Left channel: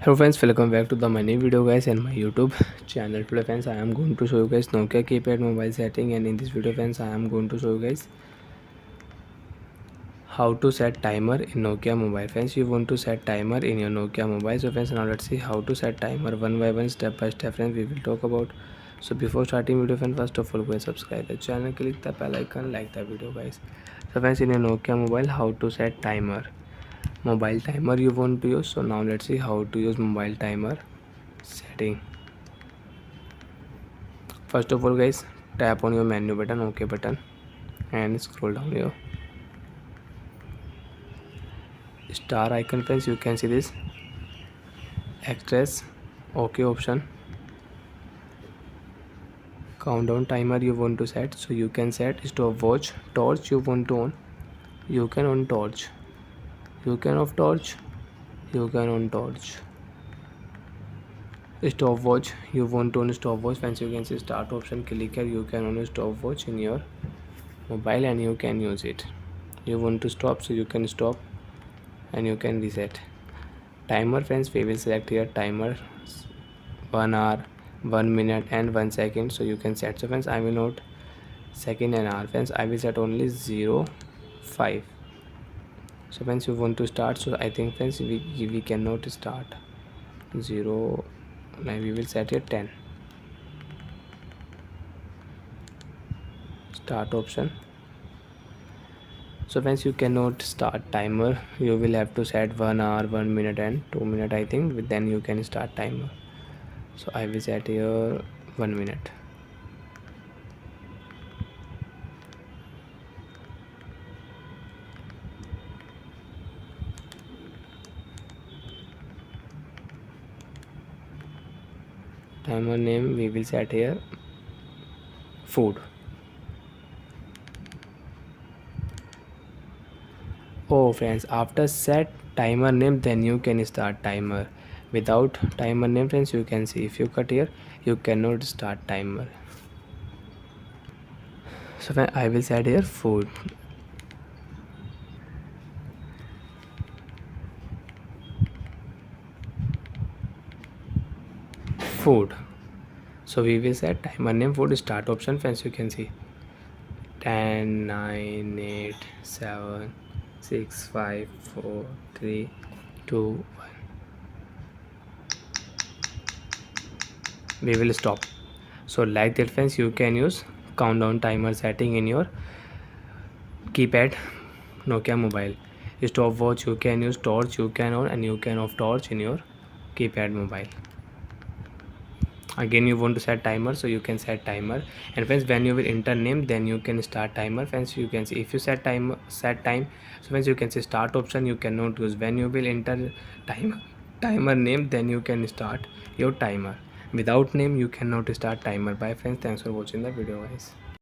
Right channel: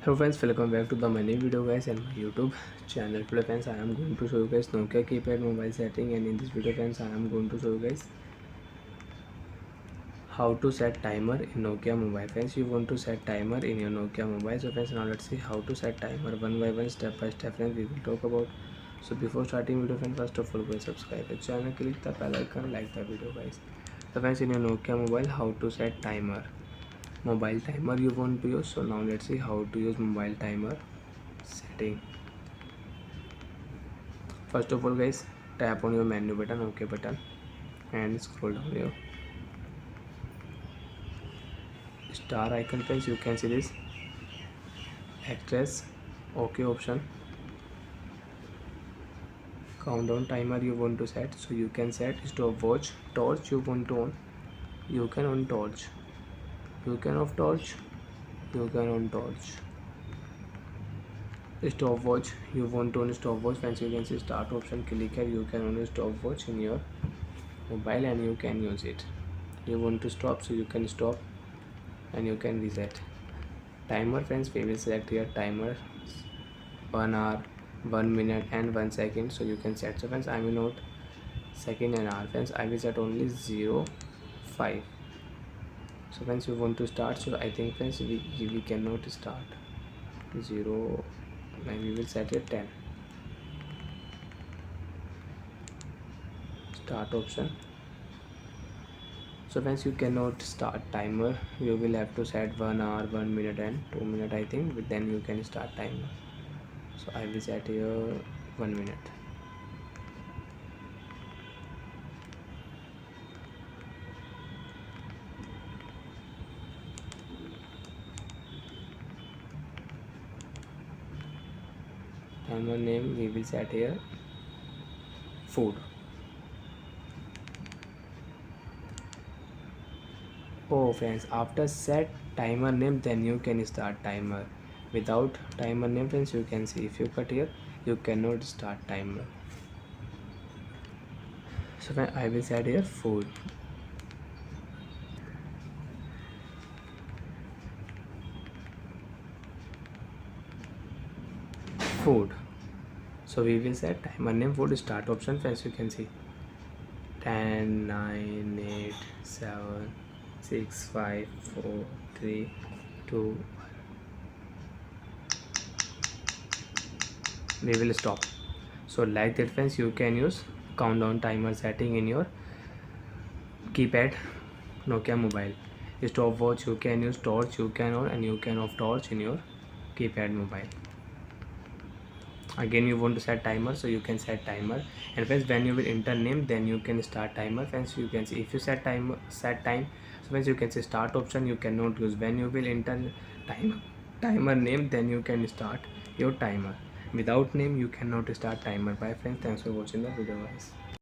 Hello friends, welcome back to the my new video guys and my YouTube channel. Today friends, I am going to show you guys Nokia keypad mobile setting, and in this video friends, I am going to show you guys how to set timer in Nokia mobile. Friends, you want to set timer in your Nokia mobile. So friends, now let's see how to set timer one by one, step by step. Friends, we will talk about. So before starting video friends, first of all go and subscribe the channel, click the bell icon, like the video guys. So friends, in your Nokia mobile, how to set timer. Mobile timer you want to use. So now let's see how to use mobile timer setting. First of all guys, tap on your menu button, OK button, and scroll down here. Star icon friends, you can see this express OK option. Countdown timer you want to set, so you can set stopwatch. Torch you want to on, you can on torch, you can off torch, you can on torch. Stopwatch you want to on stopwatch. Friends, you can see start option, click here, you can on stopwatch in your mobile and you can use it. You want to stop, so you can stop and you can reset. Timer friends, we will select here timer 1 hour, 1 minute and 1 second, so you can set. So friends, I will not second and hour. Friends, I will set only 0 5. So friends, you want to start, so I think friends we cannot start 0. Now we will set it 10. Start option. So friends, you cannot start timer, you will have to set 1 hour, 1 minute and 2 minute I think, then you can start timer. So I will set here 1 minute. Timer name we will set here food. Oh friends, after set timer name, then you can start timer. Without timer name friends, you can see if you cut here, you cannot start timer. So when I will set here food. Food. So we will set timer name food. Start option friends, you can see 10 9 8 7 6 5 4 3 2 1. We will stop. So like that friends, you can use countdown timer setting in your keypad Nokia mobile. Stopwatch you can use, torch you can on, and you can off torch in your keypad mobile. Again you want to set timer, so you can set timer. And friends, when you will enter name, then you can start timer. Friends, you can see if you set time, so friends, you can see start option you cannot use. When you will enter timer name, then you can start your timer. Without name you cannot start timer. Bye friends, thanks for watching the video guys.